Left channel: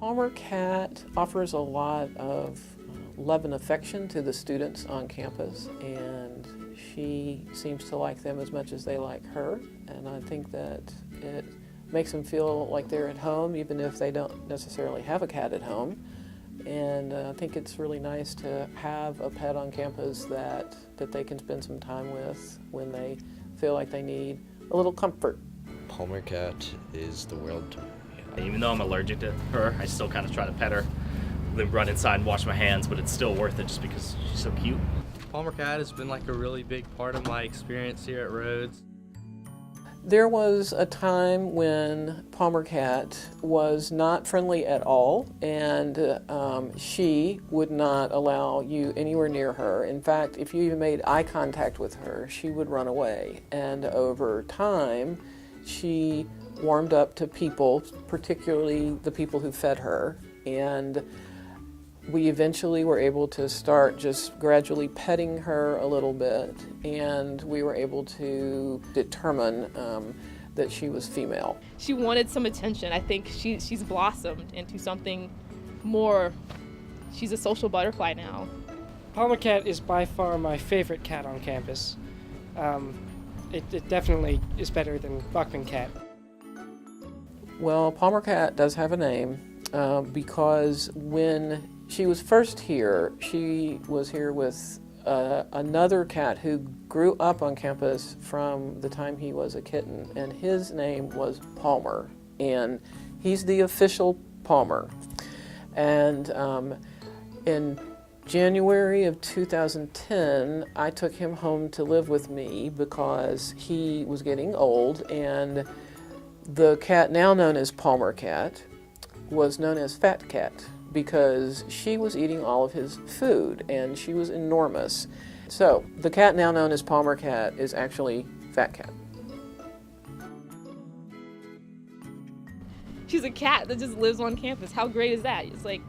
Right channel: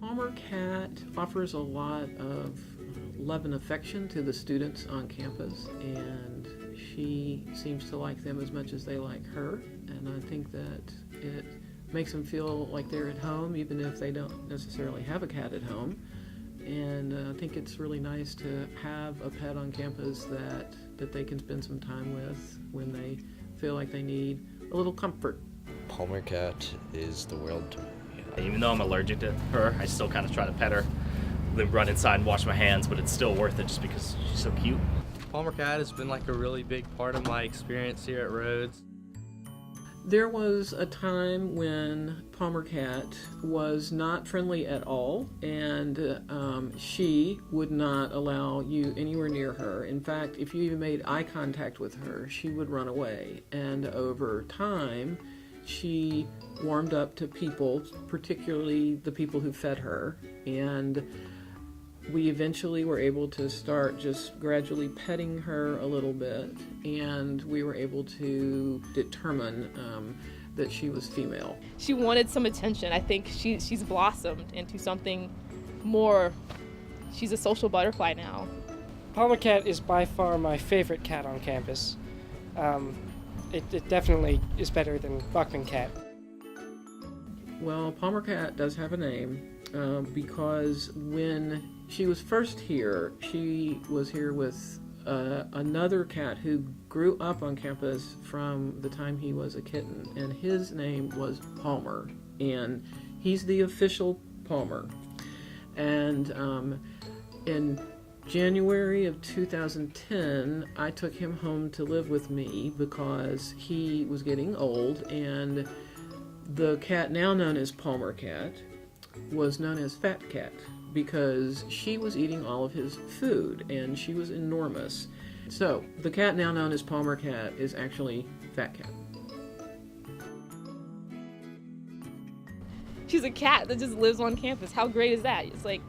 Palmer Cat offers a lot of love and affection to the students on campus, and she seems to like them as much as they like her, and I think that it makes them feel like they're at home even if they don't necessarily have a cat at home. And I think it's really nice to have a pet on campus that they can spend some time with when they feel like they need a little comfort. Palmer Cat is the world to me. Even though I'm allergic to her, I still kind of try to pet her, then run inside and wash my hands, but it's still worth it just because she's so cute. Palmer Cat has been like a really big part of my experience here at Rhodes. There was a time when Palmer Cat was not friendly at all, and she would not allow you anywhere near her. In fact, if you even made eye contact with her, she would run away. And over time, she warmed up to people, particularly the people who fed her, and we eventually were able to start just gradually petting her a little bit, and we were able to determine that she was female. She wanted some attention. I think she's blossomed into something more. She's a social butterfly now. Palmer Cat is by far my favorite cat on campus. It definitely is better than Buckman Cat. Well, Palmer Cat does have a name because when she was first here, she was here with another cat who grew up on campus from the time he was a kitten, and his name was Palmer, and he's the official Palmer. And in January of 2010, I took him home to live with me because he was getting old, and the cat now known as Palmer Cat was known as Fat Cat because she was eating all of his food, and she was enormous. So the cat now known as Palmer Cat is actually Fat Cat. She's a cat that just lives on campus. How great is that? It's like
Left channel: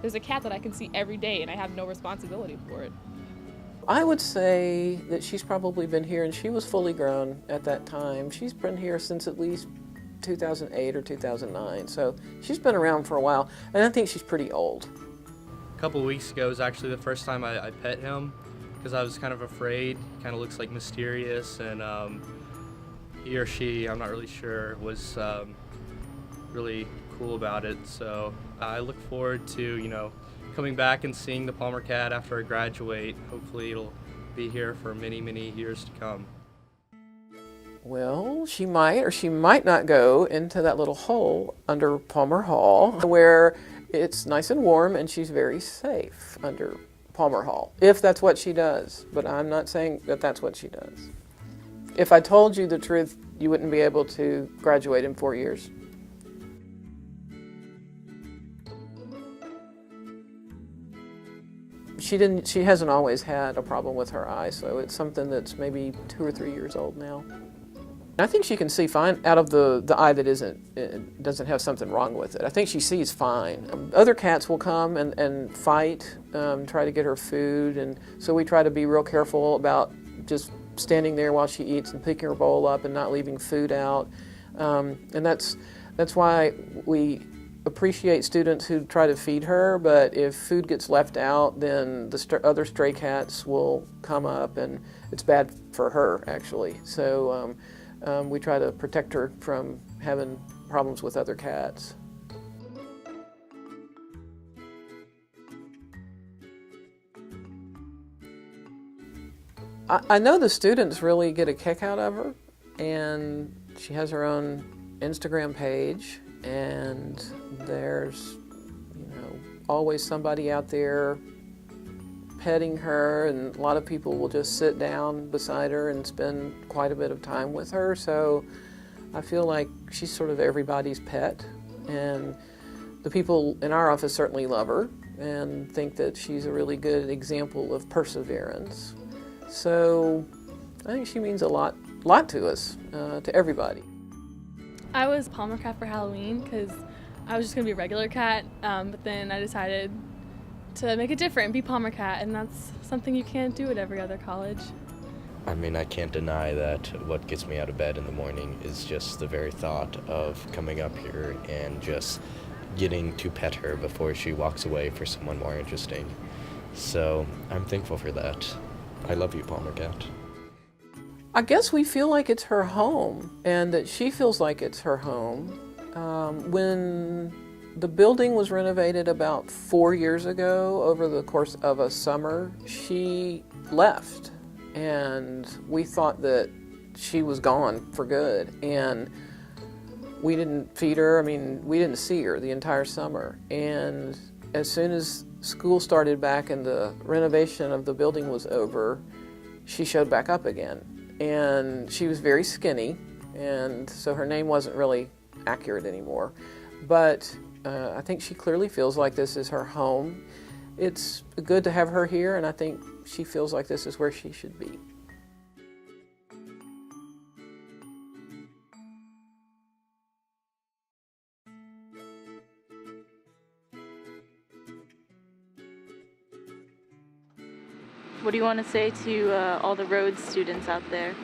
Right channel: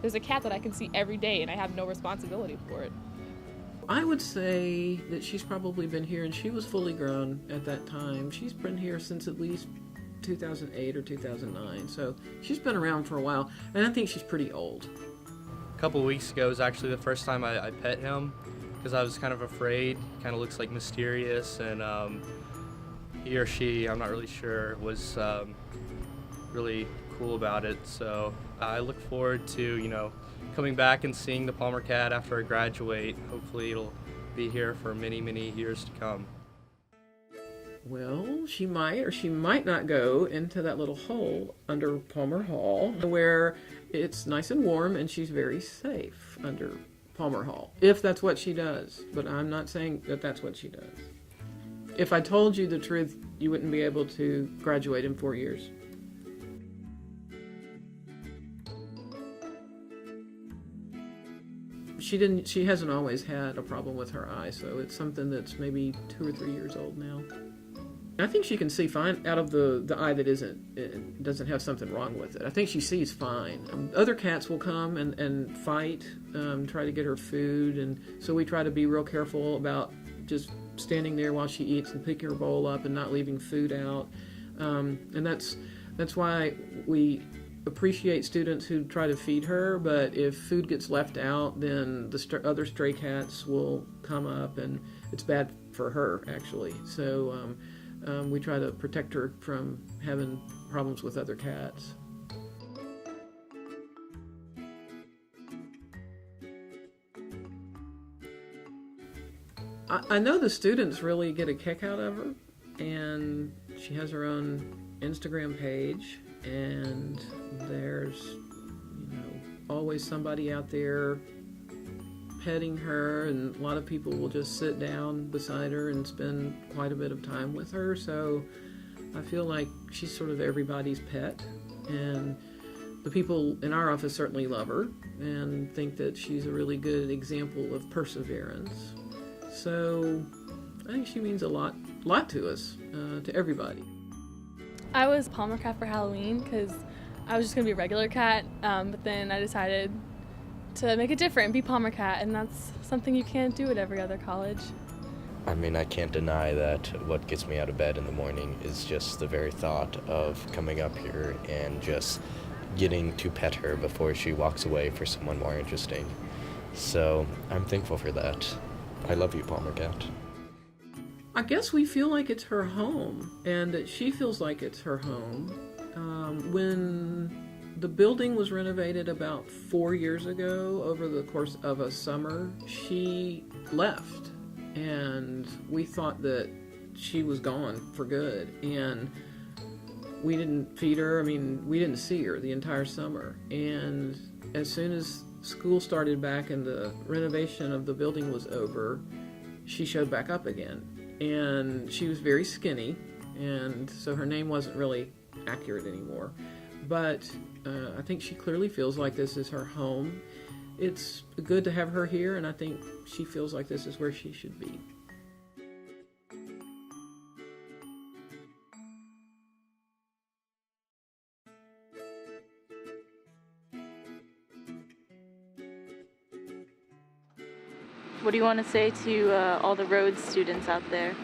there's a cat that I can see every day and I have no responsibility for it. I would say that she's probably been here, and she was fully grown at that time. She's been here since at least 2008 or 2009, so she's been around for a while, and I think she's pretty old. A couple of weeks ago was actually the first time I pet him because I was kind of afraid. He kind of looks like mysterious, and he or she, I'm not really sure, was really cool about it. So I look forward to, coming back and seeing the Palmer Cat after I graduate. Hopefully it'll be here for many, many years to come. Well, she might or she might not go into that little hole under Palmer Hall where it's nice and warm and she's very safe under Palmer Hall, if that's what she does. But I'm not saying that that's what she does. If I told you the truth, you wouldn't be able to graduate in 4 years. She hasn't always had a problem with her eye, so it's something that's maybe 2 or 3 years old now. I think she can see fine out of the eye that doesn't have something wrong with it. I think she sees fine. Other cats will come and fight, try to get her food, and so we try to be real careful about just standing there while she eats and picking her bowl up and not leaving food out. And that's why we appreciate students who try to feed her, but if food gets left out, then the other stray cats will come up, and it's bad for her, actually. So we try to protect her from having problems with other cats. I know the students really get a kick out of her, and she has her own Instagram page, and there's always somebody out there petting her, and a lot of people will just sit down beside her and spend quite a bit of time with her. So I feel like she's sort of everybody's pet, and the people in our office certainly love her and think that she's a really good example of perseverance. So I think she means a lot to us, to everybody. I was Palmer Cat for Halloween because I was just going to be a regular cat, but then I decided to make it different and be Palmer Cat, and that's something you can't do at every other college. I mean, I can't deny that what gets me out of bed in the morning is just the very thought of coming up here and just getting to pet her before she walks away for someone more interesting. So I'm thankful for that. I love you, Palmer Cat. I guess we feel like it's her home, and that she feels like it's her home. When the building was renovated about 4 years ago, over the course of a summer, she left, and we thought that she was gone for good, and we didn't feed her. I mean, we didn't see her the entire summer, and as soon as school started back and the renovation of the building was over, she showed back up again. And she was very skinny, and so her name wasn't really accurate anymore. But I think she clearly feels like this is her home. It's good to have her here, and I think she feels like this is where she should be. What do you want to say to all the Rhodes students out there?